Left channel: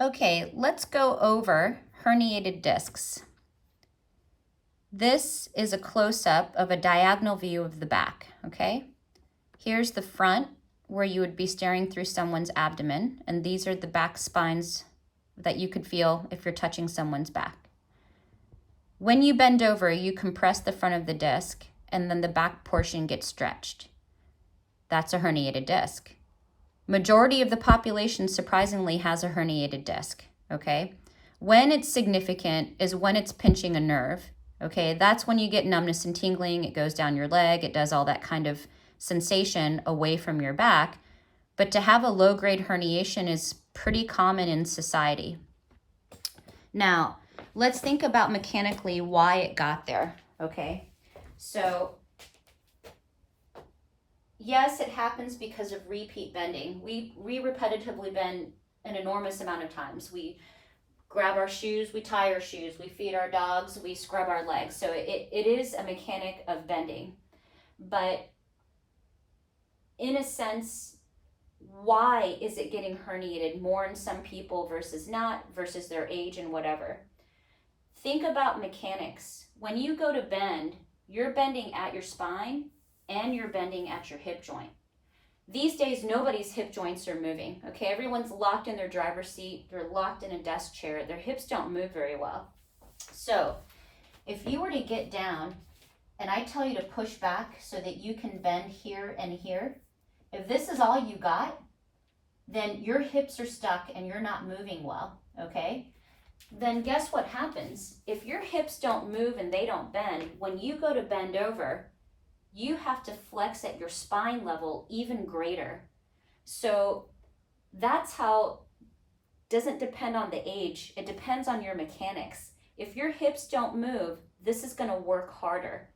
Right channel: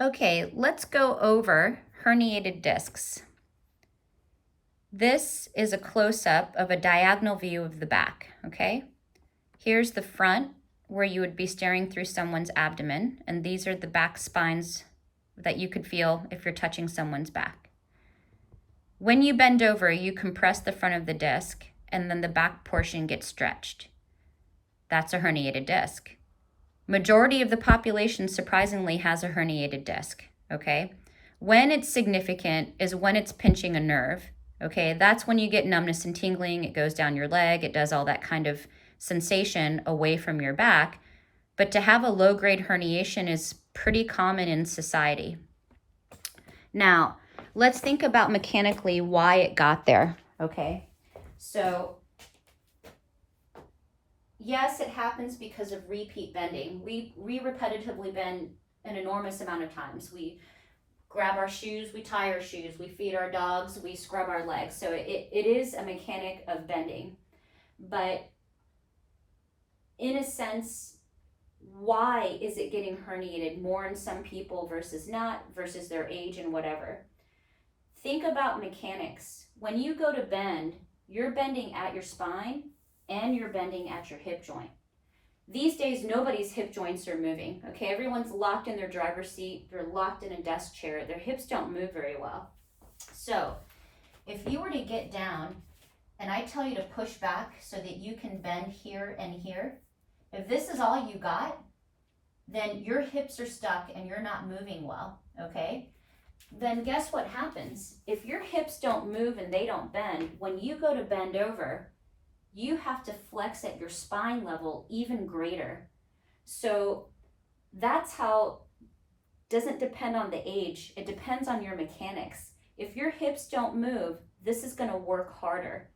Okay, let's go over herniated discs. This is a close-up of a diagonal view of the back, okay? Here's the front where you would be staring through someone's abdomen, and these are the back spines that you could feel if you're touching someone's back. When you bend over, you compress the front of the disc, and then the back portion gets stretched. That's a herniated disc. Majority of the population, surprisingly, has a herniated disc, okay? When it's significant is when it's pinching a nerve, okay? That's when you get numbness and tingling. It goes down your leg. It does all that kind of sensation away from your back. But to have a low-grade herniation is pretty common in society. Now, let's think about mechanically why it got there, okay? So, yes, it happens because of repeat bending. We repetitively bend an enormous amount of times. We grab our shoes, we tie our shoes, we feed our dogs, we scrub our legs. So it is a mechanic of bending. But in a sense, why is it getting herniated more in some people versus not, versus their age and whatever? Think about mechanics. When you go to bend, you're bending at your spine and you're bending at your hip joint. These days, nobody's hip joints are moving, okay? Everyone's locked in their driver's seat. They're locked in a desk chair. Their hips don't move very well. So if you were to get down and I tell you to push back so that you can bend here and here, if this is all you got, then your hips are stuck and you're not moving well, okay? Then guess what happens? If your hips don't move and they don't bend, when you go to bend over, you have to flex at your spine level even greater. So that's how, doesn't depend on the age, it depends on your mechanics. If your hips don't move, this is gonna work harder.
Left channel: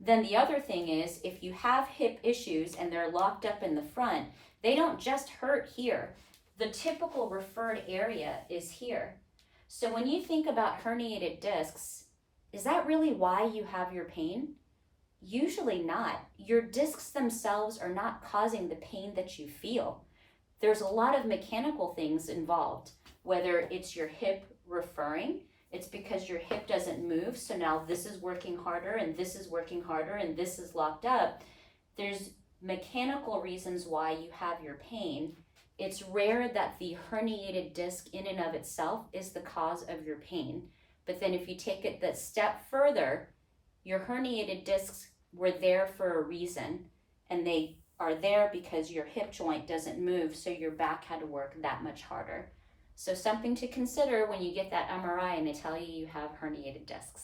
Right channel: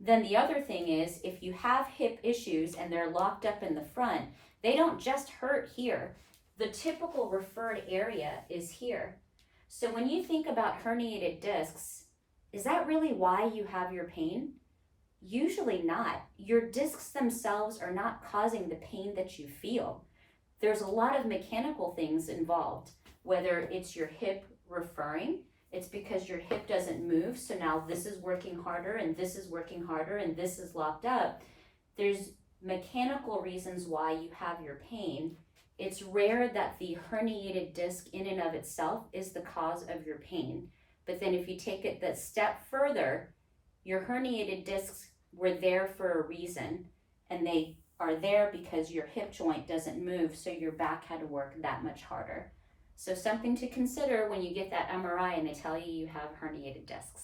Then the other thing is, if you have hip issues and they're locked up in the front, they don't just hurt here. The typical referred area is here. So when you think about herniated discs, is that really why you have your pain? Usually not. Your discs themselves are not causing the pain that you feel. There's a lot of mechanical things involved, whether it's your hip referring, it's because your hip doesn't move, so now this is working harder and this is working harder and this is locked up. There's mechanical reasons why you have your pain. It's rare that the herniated disc in and of itself is the cause of your pain. But then if you take it that step further, your herniated discs were there for a reason, and they are there because your hip joint doesn't move, so your back had to work that much harder. So something to consider when you get that MRI and they tell you you have herniated discs.